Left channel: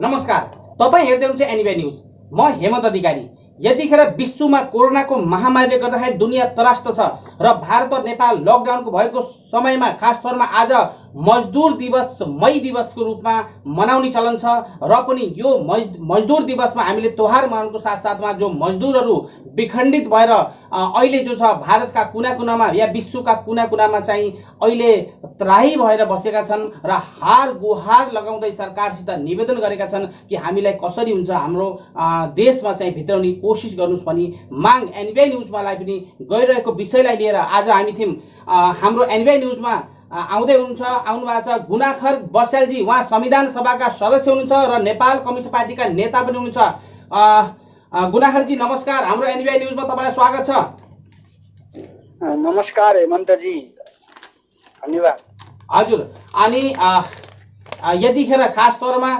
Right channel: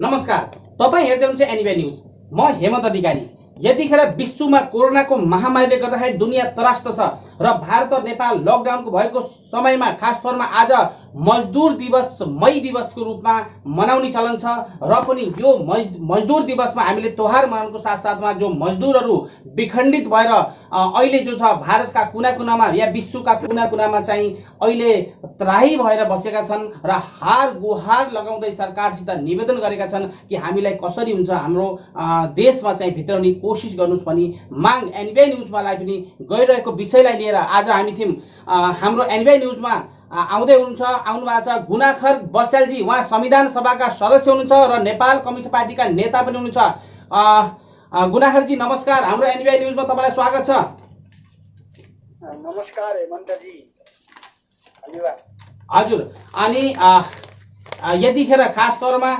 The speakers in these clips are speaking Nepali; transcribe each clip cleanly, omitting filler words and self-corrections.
नमस्कार, तपाईं हेर्दै हुनुहुन्छ एनबी न्यूज। म हेमन्त अधिकारी। यतिखेर विश्वमा कोरोनाको महामारीले गर्दाखेरि दुनिया त्रस्त छ र भारत र नेपाल लकडाउनको भएको समयमा खास तौरमा आज मजदुर दिवस मई दिवसको रूपमा मनाउने चलन छ र पनि यो मजदुर दिवसमा हामीले त्योहार मनाउनुको साथसाथमा जो मजदुरहरू विखण्डित भएर अहिले जो छ भारतका कुना कुनामा या विश्वका कुना कुनामा चाहिँ अहिले त्राही भएर बसेका छन् र हार गुहार लगाउँदै सरकारसित निवेदन गरेका छन् कि हामीलाई कसरी हुन्छ हाम्रो देशमा चाहिँ भित्राउने कोसिस गर्नुस् भनी माग एनबी न्यूजमालाई पनि गइरहेको विषयलाई लिएर आज हामी थियौं। हाम्रो एनबी न्यूजमा आउँदै हुनुहुन्छ, आउनु भएको छ गुनाखर बस्यालजी। उहाँ संविधान सभाका सदस्य हुनुहुन्छ र नेपाल कम्युनिस्ट पार्टीका नेता पनि हुनुहुन्छ। गुनाखरजी नमस्कार, हाम्रो एनबी न्यूजमा तपाईलाई स्वागत छ। नमस्कार हेमन्तजी, धन्यवाद। हजुर, अनि यतिखेर खास तौरमा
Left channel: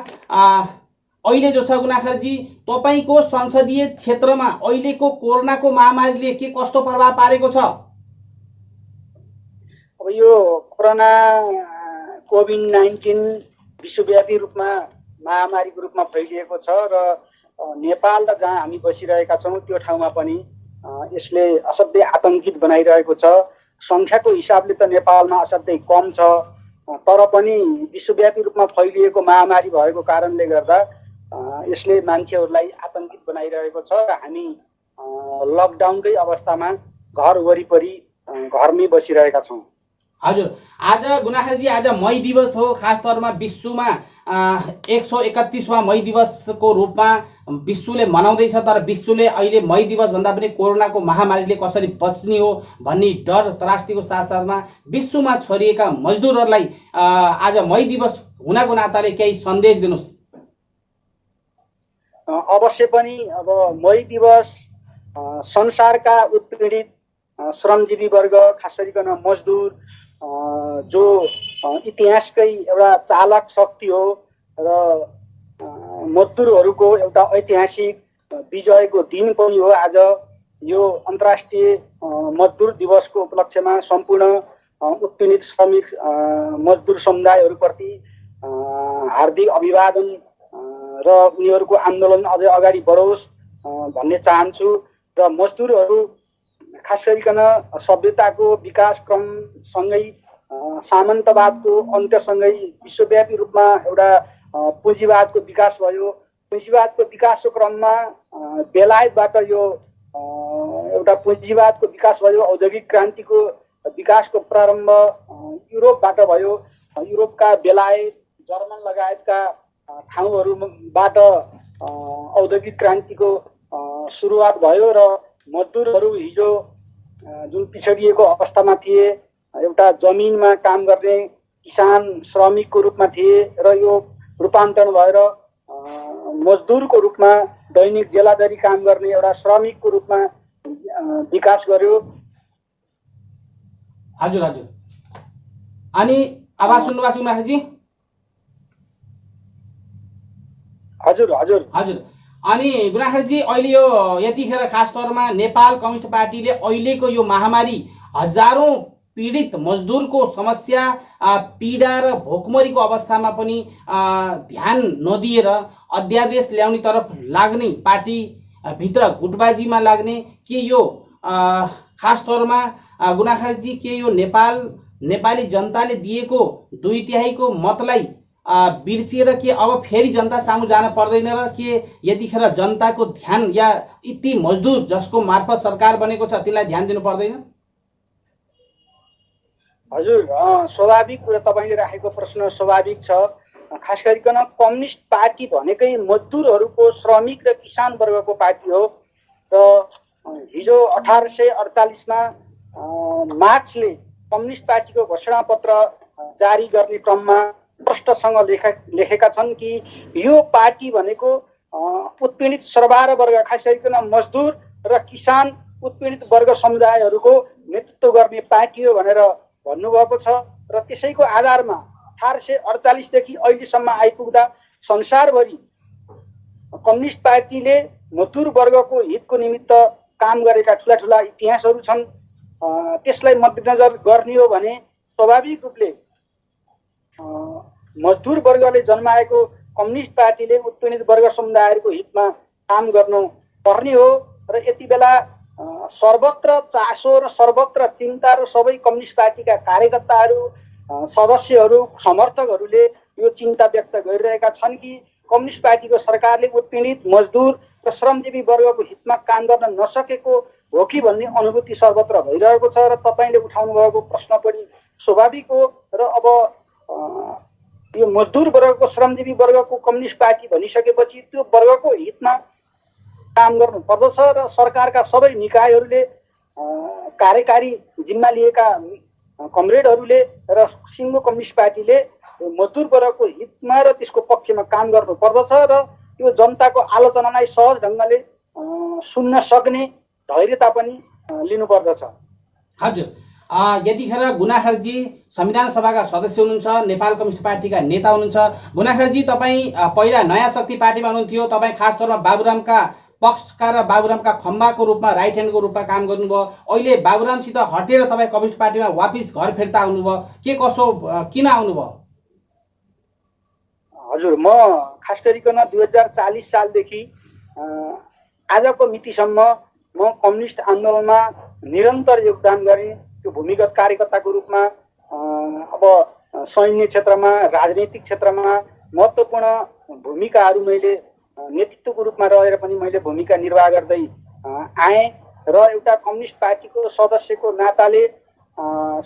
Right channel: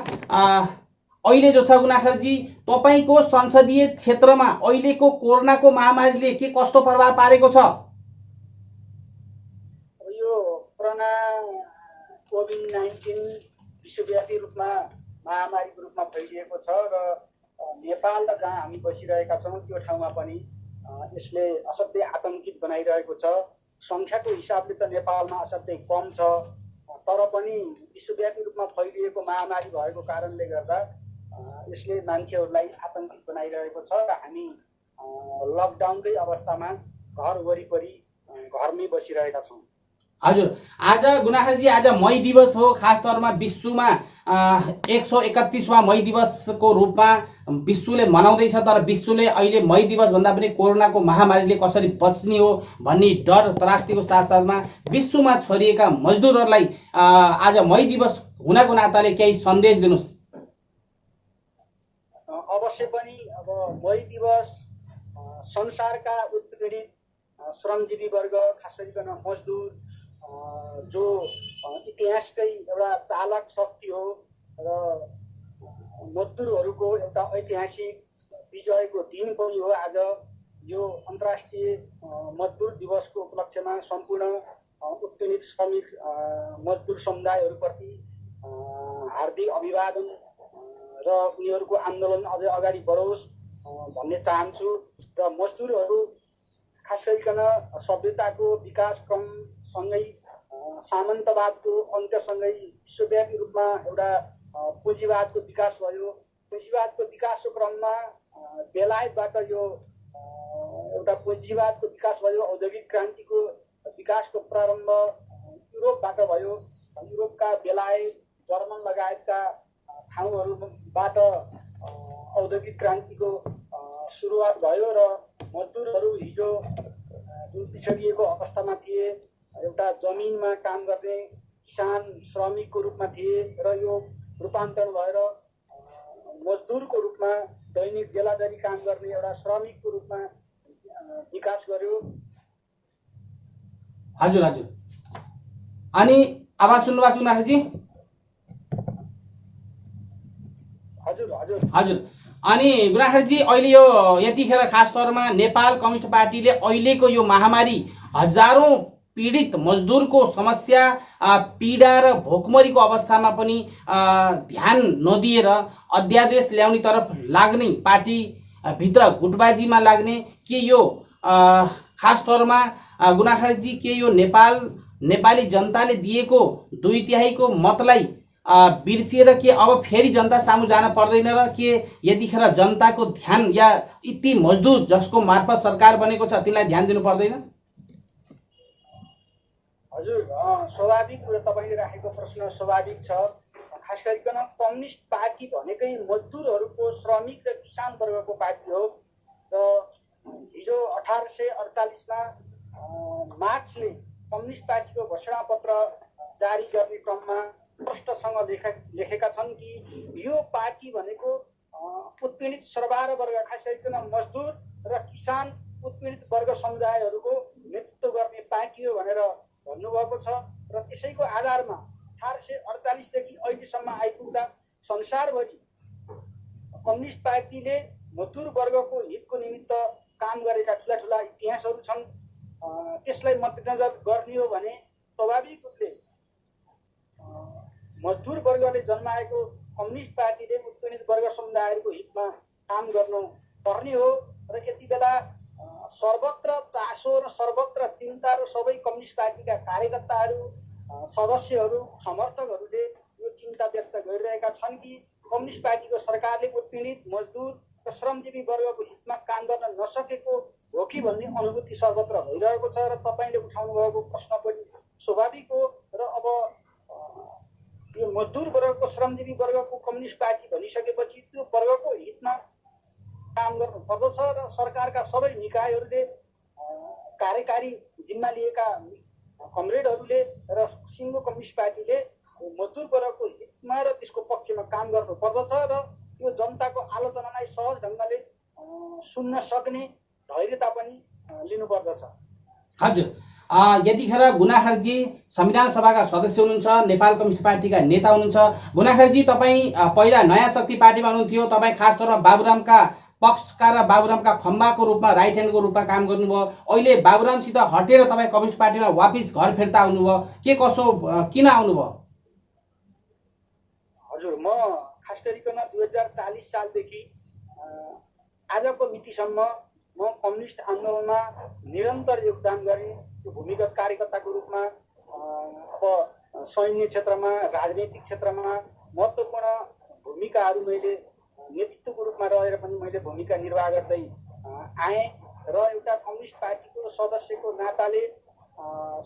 अहिले जो छ गुनाखरजी, तपाईको संसदीय क्षेत्रमा अहिलेको कोरोनाको महामारीले के कस्तो प्रभाव पारेको छ? अब यो कोरोना कोभिड-19 विश्वव्यापी रूपमा महामारीको रूपमा फैलिएको छ र नेपाल र जहाँ हामी बसिरहेका छौँ त्यो ठाउँमा पनि यसले असाध्यै आतंकित बनाइरहेको छ। संख्याको हिसाबले त नेपालमा असाध्यै कम छ, तर पनि विश्वव्यापी रूपमा फैलिएको महामारी भएको कारणले गर्दा यसले मान्छेहरूलाई आतंकित बनाइरहेको छ र हामी लकडाउनकै अवस्थामा घर वरिपरि घरमै बसिरहेका छौँ। हजुर, आज गुनाखरजी आज मई दिवस हो। खास तौरमा विश्वमा 131वां मई दिवसको रूपमा विश्वले मनाउँदैछ, तर विश्वले अहिले मई दिवस भन्दा पनि कोरोनाको महामारीले कसरी बच्ने हो भन्ने डर त्रास्तीको साथसाथमा विश्वमा छरिएका मजदुरहरूलाई आज मई दिवस हुनको नाताले केही सन्देश दिनुस्। अवश्य पनि अब मई दिवस संसारका उत्पीडित श्रमजीवी वर्ग, खास गरिकन मजदुर जो इतिहासकै एउटा चालक शक्ति हो र मजदुरहरूको एउटा ऐतिहासिक विजयको दिन पनि हो। आज यो अन्तर्राष्ट्रिय मजदुर दिवसको उपलक्ष्यमा सम्पूर्ण उत्पीडित श्रमिक मजदुर समुदायहरूप्रति हार्दिक अभिवादन र उनीहरूको आन्दोलन अझै अगाडि बढोस् भन्ने चाहन्छु। र मजदुरहरू खास गरिकन सभ्यताको विकास क्रमसँगै सामन्तवादको अन्त्यसँगै विश्वव्यापी रूपमा एउटा पुँजीवादको विकास भयो। पुँजीवादको विकासको क्रममा बेलायतबाट यो एउटा पुँजीवादको विकास भयो। औद्योगिक क्रान्तिको विकासको प्रारम्भ युरोपबाट भयो। युरोपका बेलायत, जर्मन लगायतका ठाउँहरूबाट औद्योगिक क्रान्तिको सुरुवात भयो र मजदुरहरू हिजो जुन पिछडिएको अवस्थामा थिए, एउटा जमिनमा काम गर्ने किसान श्रमिकको रूपमा थिए र यो रूपान्तरण भएर मजदुरको रूपमा दैनिक जेलादारी काम गर्ने एउटा श्रमिकको रूपमा विकास गर्यो। हजुर हजुर, अनि आवाज सुन्नुभएको छ गुनाखरजी? हजुर हजुर हजुर, अनि गुनाखरजी अहिले यो यतिखेर खास तौरमा नेपाल कम्युनिस्ट पार्टीले अहिलेको यो महामारी हजारौं पीडित मजदुरको समस्या, पीडा र भोकमरीको अवस्थामा पनि ध्यान नदिएर अध्यादेश ल्याउने तरफ लाग्ने, पार्टी भित्र गुटबाजीमा लाग्ने, के यो खास तौरमा गुनाखरजी के यो नेपाली जनताले दिएको 2/3 को मतलाई बिर्सिएर के अब फेरि जनता सामु जान पर्दैन र के यतिखेर जनताको ध्यान या यति मजदुर जसको मार्फत सरकार बनेको छ तिनलाई ध्यान दिनु पर्दैन? हजुर, स्वाभाविक कुरा तपाईले राखेको प्रश्न स्वाभाविक छ। खास गरिकन कम्युनिस्ट पार्टी भनेकै मजदुरहरूको, श्रमिक र किसान वर्गको पार्टी हो र हिजो 1848 मा मार्क्सले कम्युनिस्ट पार्टीको घोषणापत्र जारी गर्ने क्रममा स्पष्टसँग लेखेका छन् कि यो पार्टी भनेको उत्पीडित सर्वहारा वर्ग, खास गरिकन मजदुर र किसान उत्पीडित वर्ग समुदायहरूको नेतृत्व गर्ने पार्टी हो भनेर भन्नुभएको छ। र त्यसैको आधारमा 1848 देखि अहिलेसम्म आइपुग्दा संसारभरि कम्युनिस्ट पार्टीले मजदुर वर्गको हितको निमित्त काम गरेका ठुला ठुला इतिहासहरू छन्। त्यसलाई मध्यनजर गर्ने हो भने स्वाभाविक रूपले मजदुर वर्गले जन्माएको कम्युनिस्ट पार्टीले उत्पीडित वर्ग समुदायहरूको हितमा काम गर्नु पर्ने हो र यति बेला सर्वत्र चासो र सर्वत्र चिन्ता र सबै कम्युनिस्ट पार्टीका कार्यकर्ताहरू सदस्यहरू समर्थकहरूले यो चिन्ता व्यक्त गरिरहेका छन् कि कम्युनिस्ट पार्टीको सरकारले उत्पीडित मजदुर र श्रमजीवी वर्गको हितमा काम गर्न नसकेको हो कि भन्ने अनुभूति सर्वत्र भइरहेको छ र तपाईँले उठाउनु भएको प्रश्न पनि स्वाभाविक हो र अब यो मजदुर वर्गको श्रमजीवी वर्गको कम्युनिस्ट पार्टी भनिसकेपछि त्यो वर्गको हितमा काम गर्नु पर्दछ र सरकारका सबै निकायहरूले कार्यकारी जिम्मा लिएका कमरेडहरूले र सिङ्गो कम्युनिस्ट पार्टीले मजदुर वर्गको हितमा र त्यसको पक्षमा काम गर्नु पर्दछ र यो जनताको आलोचनालाई सहज ढङ्गले सुन्न सक्ने धैर्यता पनि लिनुपर्दछ। हजुर, यतिखेर गुनाखरजी संविधान सभाका सदस्य हुनुहुन्छ, नेपाल कम्युनिस्ट पार्टीका नेता हुनुहुन्छ। गुनाखरजी, तपाईँ पहिला नयाँ शक्ति पार्टीमा हुनुहुन्थ्यो, तपाईँ खास तौरमा बाबुरामका पक्षका र बाबुरामका खम्बाको रूपमा राइट ह्यान्डको रूपमा काम गर्नुभयो। अहिले बाबुरामसित हटेर तपाईँ कम्युनिस्ट पार्टीमा वापिस घर फिर्ता आउनुभयो, के कसो किन आउनुभयो? हजुर, म खास गरिकन 2040 सालदेखि आजको मितिसम्म म कम्युनिस्ट आन्दोलनमा निरन्तर योगदान गरेँ। त्यो भूमिगत कार्यकर्ताको रूपमा अब सैन्य क्षेत्रमा, राजनैतिक क्षेत्रमा महत्त्वपूर्ण भूमिकाहरू मैले नेतृत्वको रूपमा रहेर पनि मैले भूमिका निर्वाह गर्दै आएँ र एउटा कम्युनिस्ट पार्टीको सदस्यको नाताले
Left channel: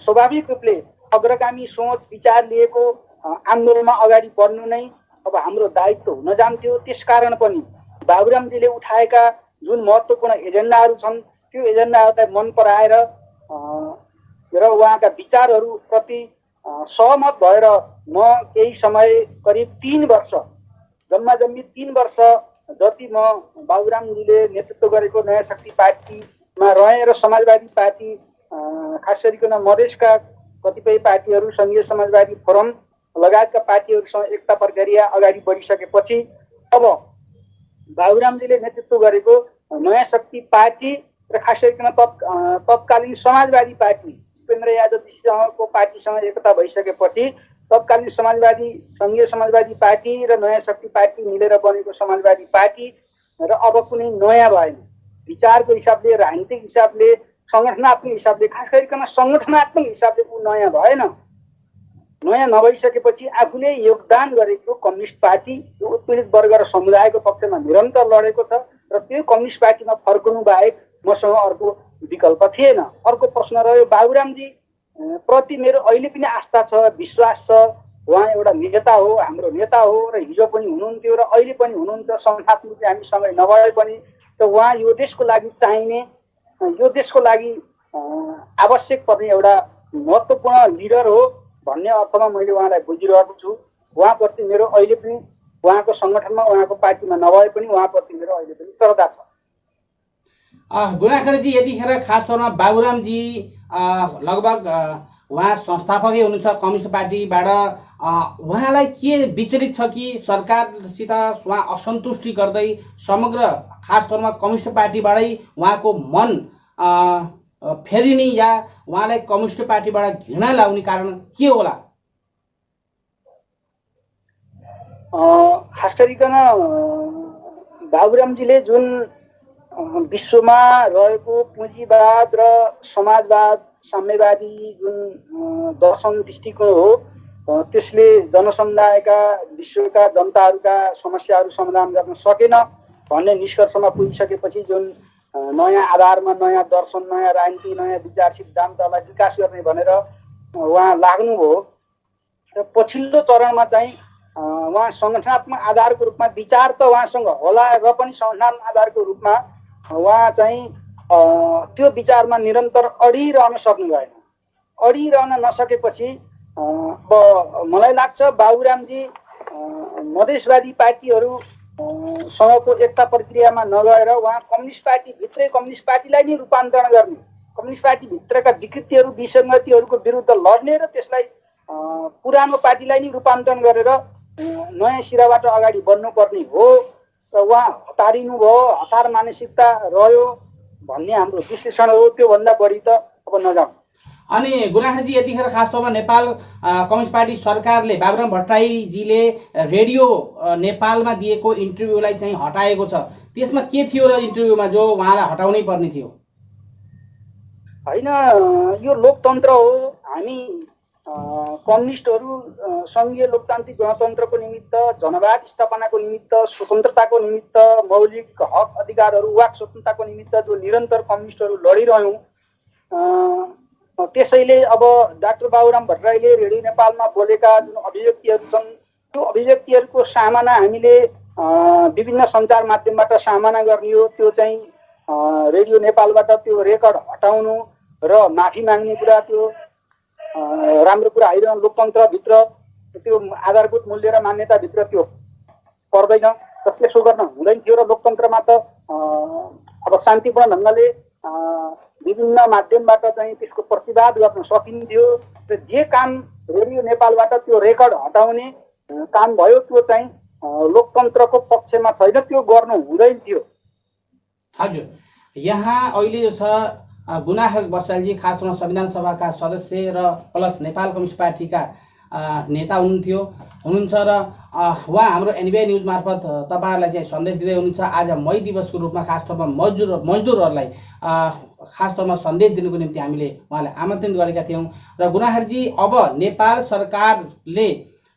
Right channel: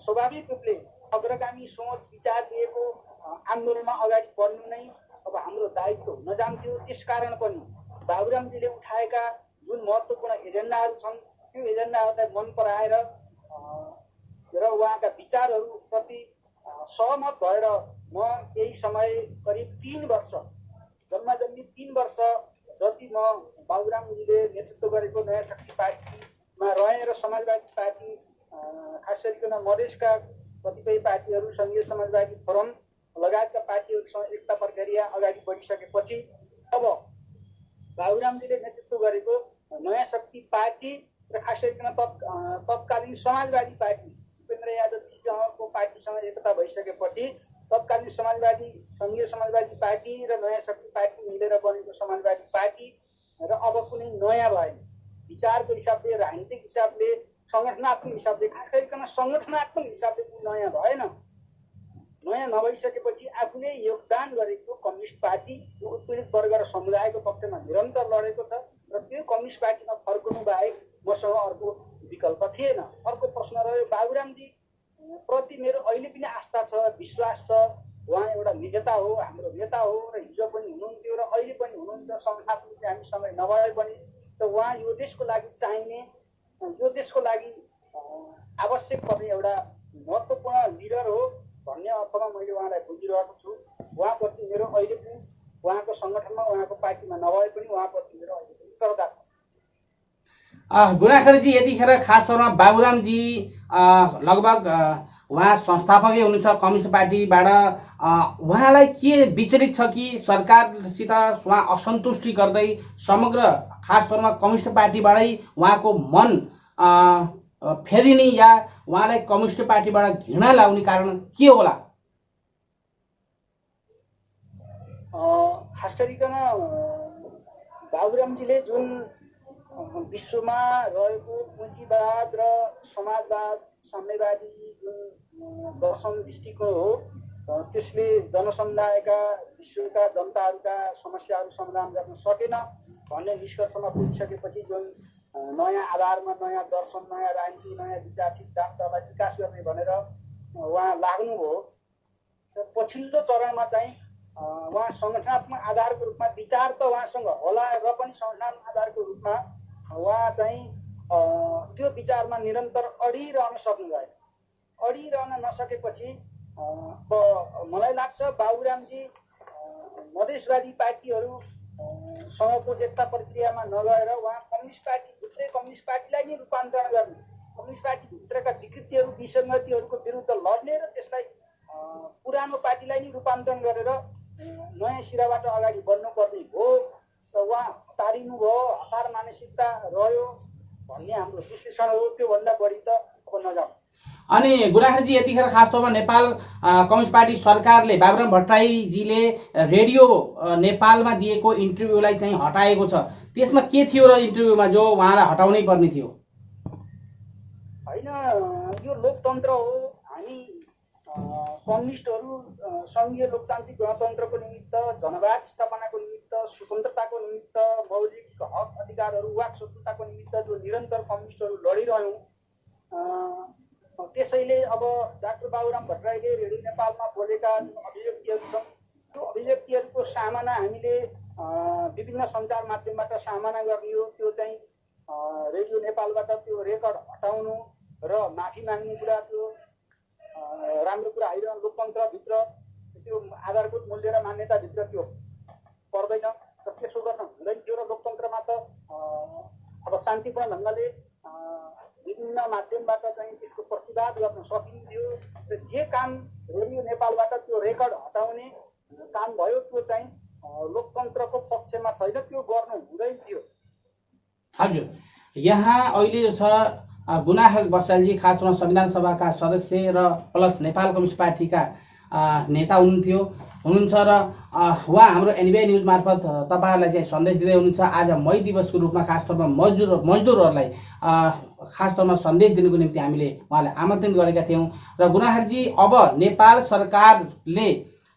स्वाभाविक रूपले अग्रगामी सोच विचार लिएको आन्दोलनमा अगाडि बढ्नु नै अब हाम्रो दायित्व हुन जान्थ्यो। त्यसकारण पनि बाबुरामजीले उठाएका जुन महत्त्वपूर्ण एजेन्डाहरू छन् त्यो एजेन्डाहरूलाई मन पराएर र उहाँका विचारहरूप्रति सहमत भएर म केही समय करिब 3 वर्ष जम्मा 3 वर्ष जति म बाबुरामजीले नेतृत्व गरेको नयाँ शक्ति पार्टीमा रहेँ र समाजवादी पार्टी खास गरिकन मधेसका कतिपय पार्टीहरू सङ्घीय समाजवादी फोरम लगायतका पार्टीहरूसँग एकता प्रक्रिया अगाडि बढिसकेपछि अब बाबुरामजीले नेतृत्व गरेको नयाँ शक्ति पार्टी र खास गरिकन तत्कालीन समाजवादी पार्टी उपेन्द्र यादवजीसँगको पार्टीसँग एकता भइसकेपछि तत्कालीन समाजवादी सङ्घीय समाजवादी पार्टी र नयाँ शक्ति पार्टी मिलेर बनेको समाजवादी पार्टी र अब कुनै नयाँ भएन। विचारको हिसाबले, राजनीतिक हिसाबले, सङ्गठनात्मक हिसाबले, खास गरिकन सङ्गठनात्मक हिसाबले ऊ नयाँ भएन। नयाँ नभइसकेपछि आफूले योगदान गरेको कम्युनिस्ट पार्टी यो उत्पीडित वर्ग र समुदायको पक्षमा निरन्तर लडेको छ र त्यो कम्युनिस्ट पार्टीमा फर्कनु बाहेक मसँग अर्को विकल्प थिएन। अर्को प्रश्न रह्यो, बाबुरामजी प्रति मेरो अहिले पनि आस्था छ, विश्वास छ। उहाँ एउटा नेता हो, हाम्रो नेता हो र हिजो पनि हुनुहुन्थ्यो र अहिले पनि हुनुहुन्छ। संस्थात्मक हामीसँगै नभए पनि त उहाँ यो देशको लागि चाहिने, यो देशको लागि आवश्यक पर्ने एउटा महत्त्वपूर्ण लिडर हो भन्ने अर्थमा मैले उहाँलाई बुझिरहेको छु। उहाँप्रति मेरो अहिले पनि उहाँको सङ्गठनमा, उहाँको पार्टीमा नभए पनि उहाँप्रति मेरो अहिले पनि श्रद्धा छ। गुनाखरजी, यतिखेर खास तौरमा बाबुरामजी लगभग उहाँ संस्थापकै हुनुहुन्छ कम्युनिस्ट पार्टीबाट। उहाँलाई के विचलित छ कि सरकारसित उहाँ असन्तुष्टि गर्दै समग्र खास तौरमा कम्युनिस्ट पार्टीबाटै उहाँको मन फेरिने या उहाँलाई कम्युनिस्ट पार्टीबाट घृणा लाउने कारण के होला? खास गरिकन बाबुरामजीले जुन विश्वमा रहेको पुँजीवाद र समाजवाद, साम्यवादी जुन दर्शन दृष्टिकोण हो त्यसले जनसमुदायका, विश्वका जनताहरूका समस्याहरू समाधान गर्न सकेन भन्ने निष्कर्षमा पुगिसकेपछि जुन नयाँ आधारमा, नयाँ दर्शन, नयाँ राजनीति, नयाँ विचार सिद्धान्तलाई विकास गर्ने भनेर उहाँ लाग्नुभयो। र पछिल्लो चरणमा चाहिँ उहाँ सङ्गठनात्मक आधारको रूपमा विचार त उहाँसँग होला र पनि सङ्गठनात्मक आधारको रूपमा उहाँ चाहिँ त्यो विचारमा निरन्तर अडिरहन सक्नु भएन। अडिरहन नसकेपछि अब मलाई लाग्छ बाबुरामजी मधेसवादी पार्टीहरू सँगको एकता प्रक्रियामा नगएर उहाँ कम्युनिस्ट पार्टी भित्रै कम्युनिस्ट पार्टीलाई नै रूपान्तरण गर्ने, कम्युनिस्ट पार्टी भित्रका विकृतिहरू, विसङ्गतिहरूको विरुद्ध लड्ने र त्यसलाई पुरानो पार्टीलाई नै रूपान्तरण गरेर नयाँ सिराबाट अगाडि बढ्नुपर्ने हो र उहाँ हतारिनु भयो, हतार मानसिकता रह्यो भन्ने हाम्रो विश्लेषण हो। त्योभन्दा बढी त अब नजाउँ। अनि गुनाखरजी यतिखेर खास तौरमा नेपाल कम्युनिस्ट पार्टी सरकारले बाबुराम भट्टराईजीले रेडियो नेपालमा दिएको इन्टरभ्यूलाई चाहिँ हटाएको छ, त्यसमा के थियो र इन्टरभ्यूमा जो उहाँलाई हटाउनै पर्ने थियो? होइन, यो लोकतन्त्र हो। हामी कम्युनिस्टहरू सङ्घीय लोकतान्त्रिक गणतन्त्रको निमित्त, जनवाद स्थापनाको निमित्त, स्वतन्त्रताको निमित्त, मौलिक हक अधिकारहरू वाक स्वतन्त्रताको निमित्त जो निरन्तर कम्युनिस्टहरू लडिरह्यौँ। त्यसैले अब डाक्टर बाबुराम भट्टराईले रेडियो नेपालमा बोलेका जुन अभिव्यक्तिहरू छन् त्यो अभिव्यक्तिहरूको सामना हामीले विभिन्न सञ्चार माध्यमबाट सामना गर्ने हो। त्यो चाहिँ रेडियो नेपालबाट त्यो रेकर्ड हटाउनु र माफी माग्ने कुरा त्यो राम्रो कुरा होइन। लोकतन्त्रभित्र त्यो आधारभूत मूल्य र मान्यताभित्र त्यो पर्दैन र त्यसो गर्न हुँदैन थियो। र लोकतन्त्रमा त अब शान्तिपूर्ण ढङ्गले विभिन्न माध्यमबाट चाहिँ त्यसको प्रतिवाद गर्न सकिन्थ्यो। र जे काम रेडियो नेपालबाट त्यो रेकर्ड हटाउने काम भयो त्यो चाहिँ लोकतन्त्रको पक्षमा छैन, त्यो गर्नु हुँदैन थियो। हजुर, यहाँ अहिले जो छ गुनाखर बस्यालजी खास तौरमा संविधान सभाका सदस्य र प्लस नेपाल कम्युनिस्ट पार्टीका नेता हुनुहुन्छ र उहाँ हाम्रो एनबिआई न्युज मार्फत तपाईँहरूलाई चाहिँ सन्देश दिँदै हुनुहुन्छ। आज मई दिवसको रूपमा खास तौरमा मजदुरहरूलाई खास तौरमा सन्देश दिनुको निम्ति हामीले उहाँलाई आमन्त्रण गरेका थियौँ। र गुनाखरजी, अब नेपाल सरकारले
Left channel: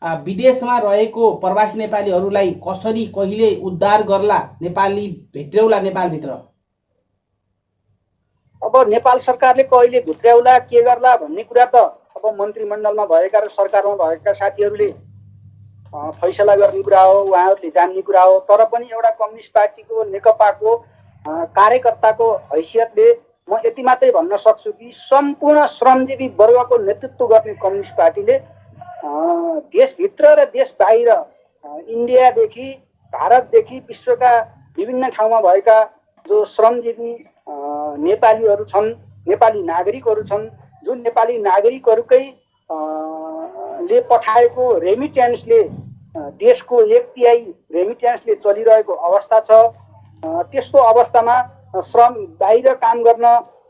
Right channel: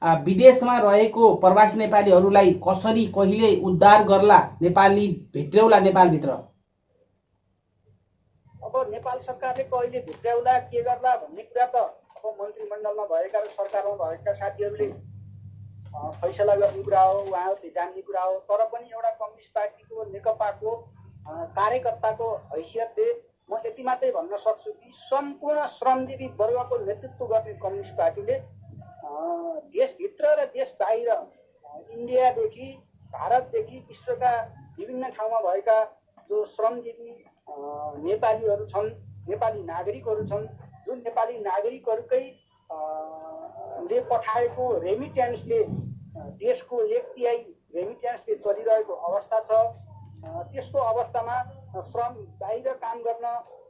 विदेशमा रहेको प्रवासी नेपालीहरूलाई कसरी कहिले उद्धार गर्ला, नेपाली भित्र्याउला नेपालभित्र? अब नेपाल सरकारले कहिले भित्र्याउला, के गर्ला भन्ने कुरा त अब मन्त्रीमण्डलमा भएका र सरकारमा भएका साथीहरूले फैसला गर्ने कुरा हो, उहाँहरूले जान्ने कुरा हो। तर पनि एउटा कम्युनिस्ट पार्टीको, नेकपाको कार्यकर्ताको हैसियतले म यति मात्रै भन्न सक्छु कि सम्पूर्ण श्रमजीवी वर्गको नेतृत्व गर्ने कम्युनिस्ट पार्टीले देशभित्र र देश बाहिर, इन्डियादेखि भारतदेखि विश्वका विभिन्न ठाउँमा भएका जो श्रमजीवी नेपालीहरू छन्, नेपाली नागरिकहरू छन्, जुन नेपाली नागरिकहरूकै ले पठाएको रेमिट्यान्सले देशको 1/3 रेमिट्यान्सले चलिरहेको अवस्था छ। त्यस्तो अवस्थामा बाहिर काम गर्न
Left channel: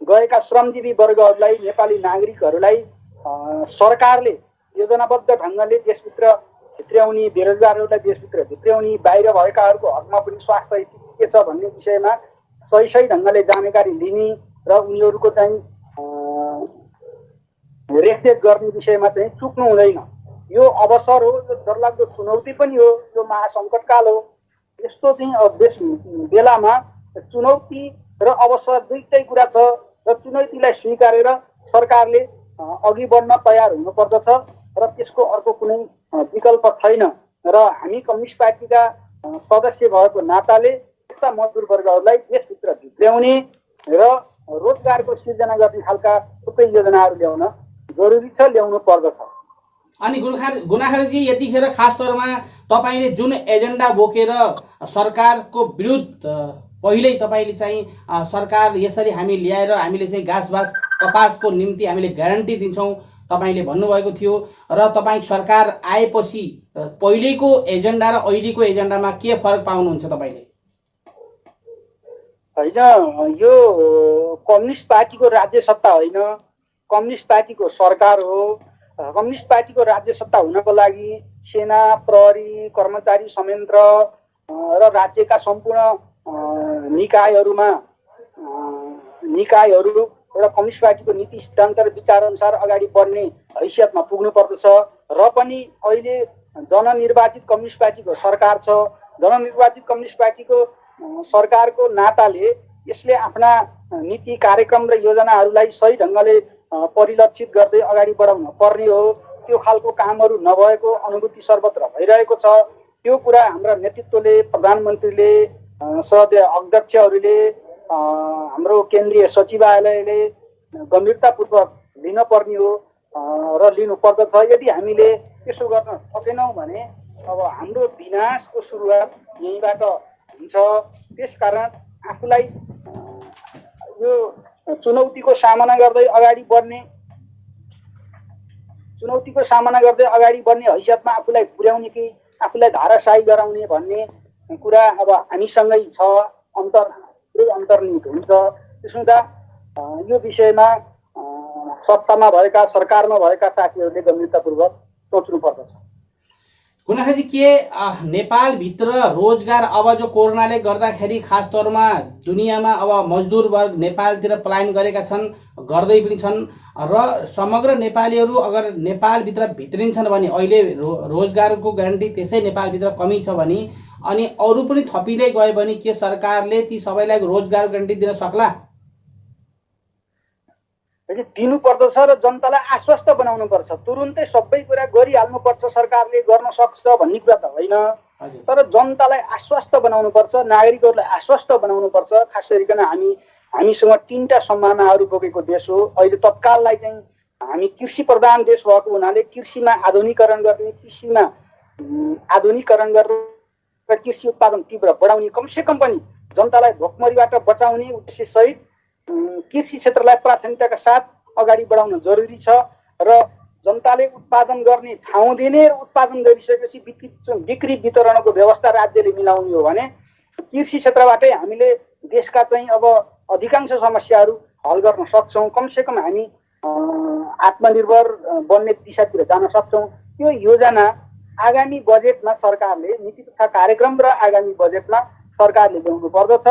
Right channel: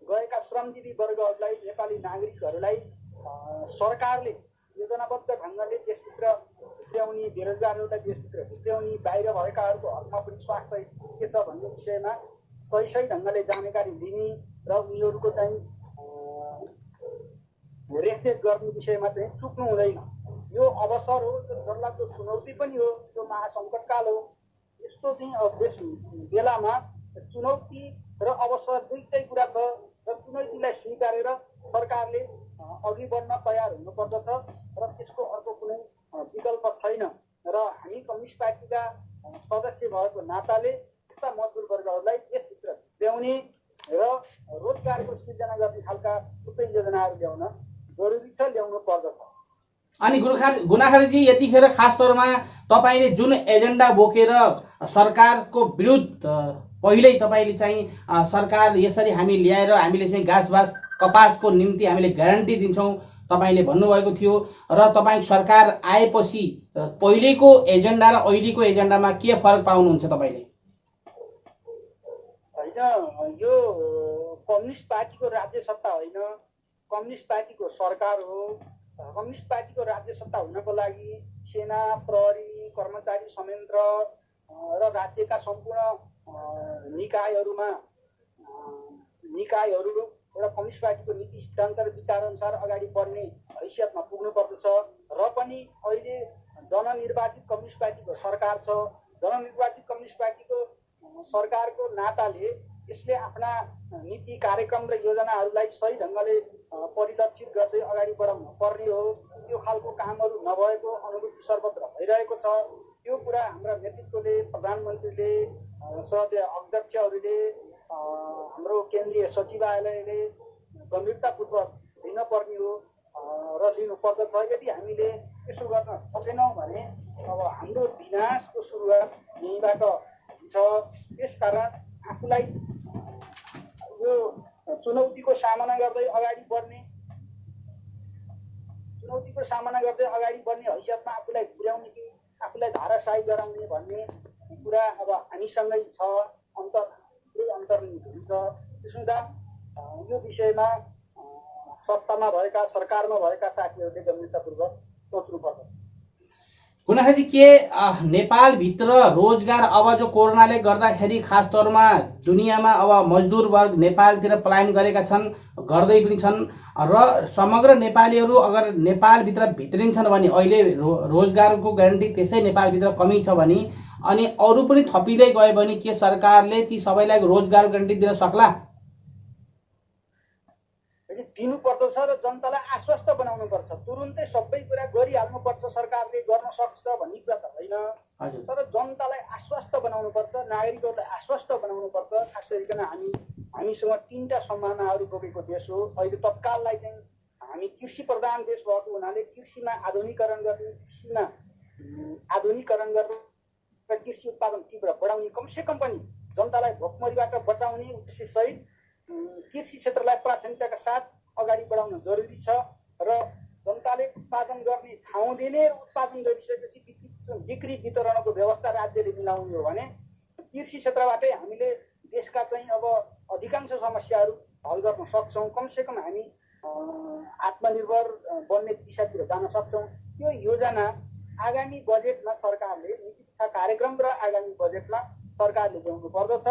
गएका श्रमजीवी वर्गहरूलाई, नेपाली नागरिकहरूलाई सरकारले योजनाबद्ध ढङ्गले देशभित्र भित्र्याउने, बेरोजगारहरूलाई देशभित्र भित्र्याउने, बाहिर भएकाहरूको हकमा पनि स्वास्थ्य स्थिति के छ भन्ने विषयमा सही ढङ्गले जानकारी लिने र उनीहरूको चाहिँ रेखदेख गर्ने विषयमा चाहिँ चुक्नु हुँदैन। यो अवसर हो, यो डरलाग्दो चुनौती पनि हो, यो महासङ्कटकाल हो। यस्तो चाहिँ बेलामा चुनौती र अवसर दुईटै कुरा छ र चुनौतीलाई स्वीकारेर सरकारले अघि बढ्न तयार हुनुपर्दछ र त्यसको अर्को कुनै विकल्प छैन। र हामी कम्युनिस्ट पार्टीका सदस्य भएको नाताले यस्ता मजदुर वर्गहरूलाई देशभित्र भित्र्याउने र रोजगारको सिर्जना गर्ने खालका थुप्रै योजनाहरू ल्याउन जरुरी छ, ल्याउनु पर्दछ। अनि गुनाखरजी, यतिखेर खास तौरमा तपाईँले जुन एजेन्डा बोकेर सरकारको विरुद्ध पहिल्यै तपाईँले चाहिँ सरकार यसरी हामी ल्याएर हामीले चाहिँ घाँसबास कपासको निम्ति हामीले ग्यारेन्टी दिन्छौँ तपाईँले भन्नुभएको थियो। र तपाईँ सरकार आएपछि पहिलेको एजेन्डा र अहिलेको एजेन्डामा के फरक पाउनुहुन्छ तपाईँले? होइन, यो कम्युनिस्ट पार्टीको राज्य सत्ता होइन, कम्युनिस्ट पार्टीको सरकार हो। कम्युनिस्ट पार्टीको राज्य सत्ता हुनको लागि सेना, प्रहरी, कर्मचारी संयन्त्र र राज्यका सम्पूर्ण निकायहरू एउटा कम्युनिस्ट पार्टीको नीति सिद्धान्त र विचार अनुसार अगाडि बढ्ने हैसियतमा पुग्नु पर्दछ। र पनि अहिले जननिर्वाचित कम्युनिस्ट पार्टीको सरकार छ। जननिर्वाचित कम्युनिस्ट पार्टीको सरकारको नाताले यसले आफ्ना नीति, कार्यक्रम र योजनाहरूलाई सही ढङ्गले परिलक्षित गर्दै अगाडि बढाउन पर्ने हो। त्यो खालको कामहरू नभएको अनुभूति सर्वत्र भइरहेको छ। त्यो कुरा हाम्रा नेतृत्वले, प्रधानमन्त्रीले, सदस्य अध्यक्षहरूले, हाम्रो केन्द्रीय सचिवालयले गम्भीरतापूर्वक लिन पर्ने हो र लिनु पर्दछ। यदि हामीले त्यसो गर्न सकेनौँ भने अब हाम्रो विनाशको सुरुवात यहीँबाट हुन्छ। त्यसकारण आफूलाई यो चुनौतीको सामना गर्दै अगाडि बढ्ने हैसियतमा आफूलाई पुर्याउने कि आफूलाई धाराशाही गराउने भन्ने कुरा अब हामीसँगै छ। अन्तर्निहित हुन्छ। त्यसो हुँदा यो विषयमा सत्तामा भएका सरकारमा भएका साथीहरूले गम्भीरतापूर्वक सोच्नु पर्दछ। गुनाखरजी के नेपालभित्र रोजगार अब जो कोरोनाले गर्दाखेरि खास तौरमा दुनियाँमा अब मजदुर वर्ग नेपालतिर पलायन गरेका छन्, गर्दै पनि छन् र समग्र नेपालीहरू अगर नेपालभित्र भित्रिन्छन् भने अहिले रोजगारको ग्यारेन्टी त्यसै नेपालभित्र कमी छ भने अनि अरू पनि थपिँदै गयो भने के सरकारले ती सबैलाई रोजगार ग्यारेन्टी दिन सक्ला? दिनु पर्दछ र जनतालाई आश्वस्त बनाउनु पर्छ। तुरुन्तै सबै कुरा गरिहाल्नु पर्छ, सरकारले गर्न सक्छ भन्ने कुरा त होइन, तर जनतालाई आश्वस्त बनाउनु पर्छ, नागरिकहरूलाई आश्वस्त बनाउनु पर्छ। खास गरिकन हामीसँग 3टा सम्भावनाहरू बोकेको देश हो। अहिले तत्काललाई चाहिँ हामी कृषि प्रधान देश भएको हुनाले कृषिमा आधुनिकीकरण गर्ने, कृषिमा आधुनिकीकरण गरेर कृषि उत्पादन तीव्र बढाउने, कमसेकम पनि जनतालाई भोकमरीबाट बचाउने उद्देश्य सहित कृषि क्षेत्रलाई प्राथमिकताका साथ अगाडि बढाउन जरुरी छ र जनताले उत्पादन गर्ने ठाउँ दिने र उत्पादन गरिसकेपछि बिक्री वितरणको व्यवस्था राज्यले मिलाउने हो भने कृषि क्षेत्रबाटै हामीले देशका चाहिँ अब अधिकांश समस्याहरू हल गर्न सक्छौँ। कमसेकम हामी आत्मनिर्भर बन्ने दिशातिर जान सक्छौँ। त्यो योजना आगामी बजेटमा सरकारले, नीति तथा कार्यक्रम र आगामी बजेटमा सरकारले ल्याउनु पर्दछ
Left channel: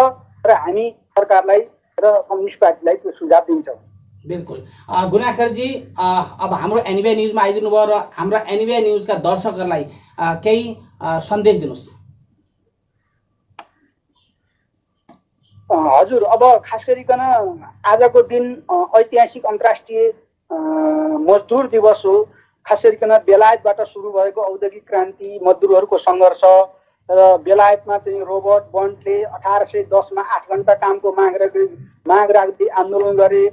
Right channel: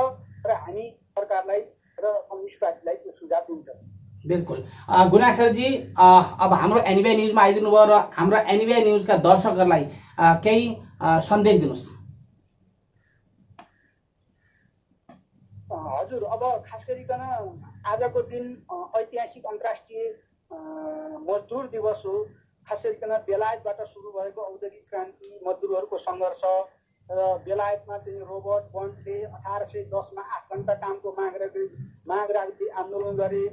र हामी सरकारलाई र कम्युनिस्ट पार्टीलाई त्यो सुझाव दिन्छौँ। बिल्कुल। गुनाखरजी अब हाम्रो एनबिआई न्युजमा आइदिनु भयो र हाम्रो एनबिआई न्युजका दर्शकहरूलाई केही सन्देश दिनुहोस्। हजुर, अब खास गरिकन आजको दिन ऐतिहासिक अन्तर्राष्ट्रिय मजदुर दिवस हो। खास गरिकन बेलायतबाट सुरु भएको औद्योगिक क्रान्ति, मजदुरहरूको सङ्घर्ष र बेलायतमा चाहिँ रोबर्ट बन्टले 1810मा 8 घण्टा कामको माग राख्दै आन्दोलन गरे।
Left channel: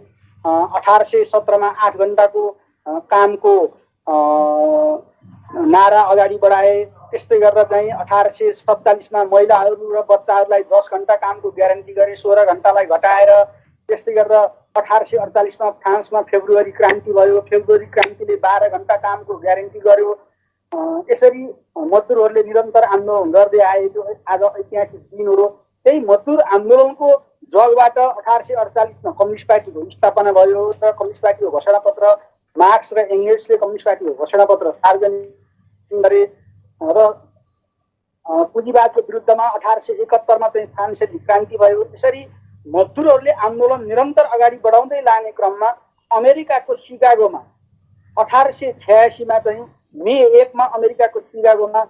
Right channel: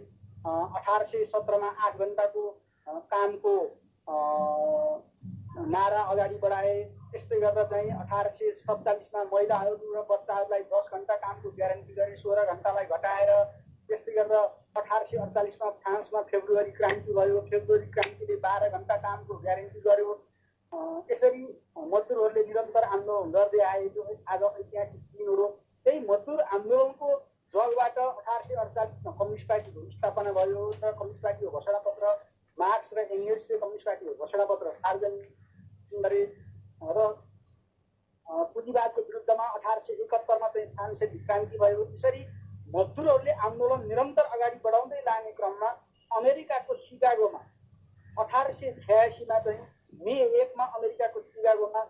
1817मा 8 घण्टाको कामको नारा अगाडि बढाए। त्यस्तै गरेर चाहिँ 1847मा महिलाहरू र बच्चाहरूलाई 10 घण्टा कामको ग्यारेन्टी गरे, 16 घण्टालाई घटाएर। त्यस्तै गरेर 1848मा फ्रान्समा फेब्रुअरी क्रान्ति भयो। फेब्रुअरी क्रान्तिले 12 घण्टा कामको ग्यारेन्टी गर्यो। यसरी मजदुरहरूले निरन्तर आन्दोलन गर्दै आए। जो आज ऐतिहासिक दिन हो। त्यही मजदुर आन्दोलनको जगबाट 1848मा कम्युनिस्ट पार्टीको स्थापना भयो र कम्युनिस्ट पार्टीको घोषणापत्र, मार्क्स र एङ्गेल्सले कम्युनिस्ट पार्टीको घोषणापत्र सार्वजनिक गरे र पुँजीवादको विरुद्धमा 1871मा चाहिँ फ्रान्सेली क्रान्ति भयो। यसरी मजदुरहरूले आन्दोलन निरन्तर अगाडि बढाउँदै लाने क्रममा अमेरिकाको सिकागोमा 1886मा चाहिँ मे 1मा अमेरिकाको सिकागोमा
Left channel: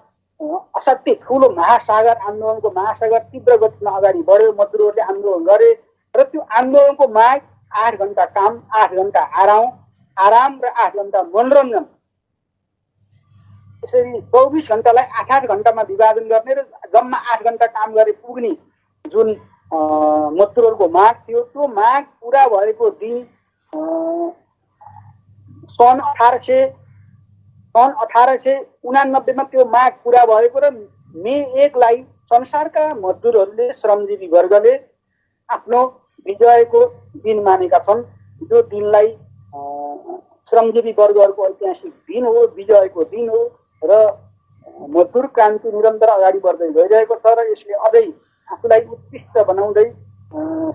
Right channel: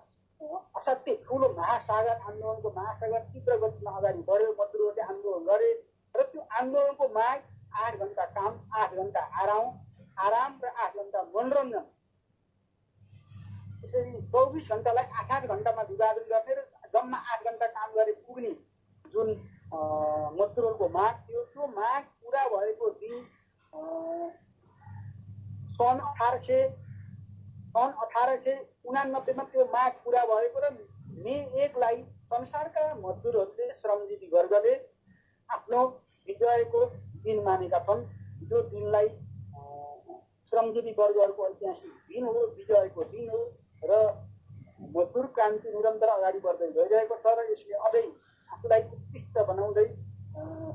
असाध्यै ठुलो महासागर आन्दोलनको महासागर तीव्र गतिमा अगाडि बढ्यो। मजदुरहरूले आन्दोलन गरे र त्यो आन्दोलनको माग 8 घण्टा काम, 8 घण्टा आराम र 8 घण्टा मनोरञ्जन। यसरी 24 घण्टालाई 8-8 घण्टामा विभाजन गर्ने र जम्मा 8 घण्टा काम गरे पुग्ने जुन मजदुरहरूको माग थियो, त्यो माग पुरा भएको दिन सन् 1889मा त्यो माग पुरा भएको र मे 1लाई संसारका मजदुरहरूले, श्रमजीवी वर्गले आफ्नो विजयको दिन मानेका छन्। त्यो दिनलाई श्रमजीवी वर्गहरूको ऐतिहासिक दिन हो, विजयको दिन हो र मजदुर क्रान्ति निरन्तर अगाडि बढ्दै गइरहेको छ र यसले अझै आफूलाई उत्कृष्ट बनाउँदै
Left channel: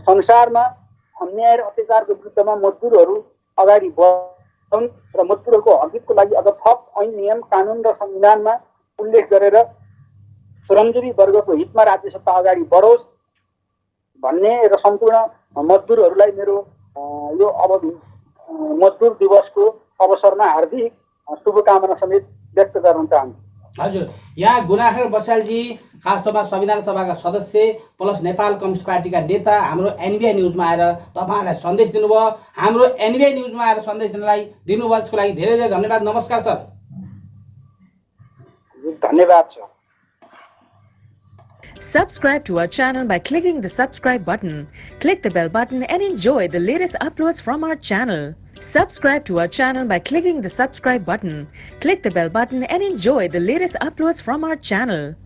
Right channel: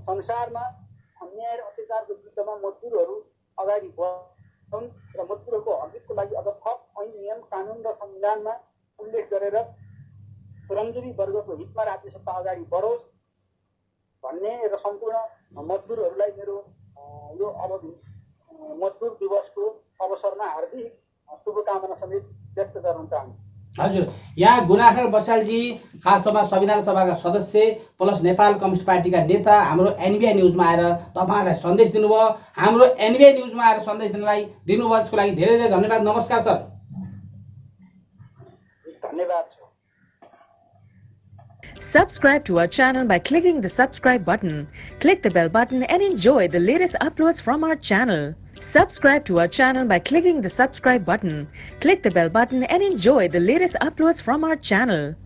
संसारमा अन्याय र अत्याचारको विरुद्धमा मजदुरहरू अगाडि बढ्छन् र मजदुरहरूको हकको लागि अझ थप ऐन, नियम, कानुन र संविधानमा उल्लेख गरेर श्रमजीवी वर्गको हितमा राज्य सत्ता अगाडि बढोस् भन्ने र सम्पूर्ण मजदुरहरूलाई मेरो यो मजदुर दिवसको अवसरमा हार्दिक शुभकामना समेत व्यक्त गर्न चाहन्छु। हजुर, यहाँ गुनाखर बसालजी खास तौरमा संविधान सभाका सदस्य प्लस नेपाल कम्युनिस्ट पार्टीका नेता हाम्रो एनबिआई न्युजमा आएर तपाईँहरूलाई सन्देश दिनुभयो। हाम्रो एनबिआई न्युजमा आएर सन्देश दिनुभयो त्यसको लागि धेरै धेरै धन्यवाद। नमस्कार सर। धन्यवाद sir. Subscribe to our channel by clicking the subscribe button. Click the bell button and enjoy the latest uploads from our channel. Subscribe to our channel by clicking the subscribe button. Click the bell button and enjoy the latest uploads from our channel.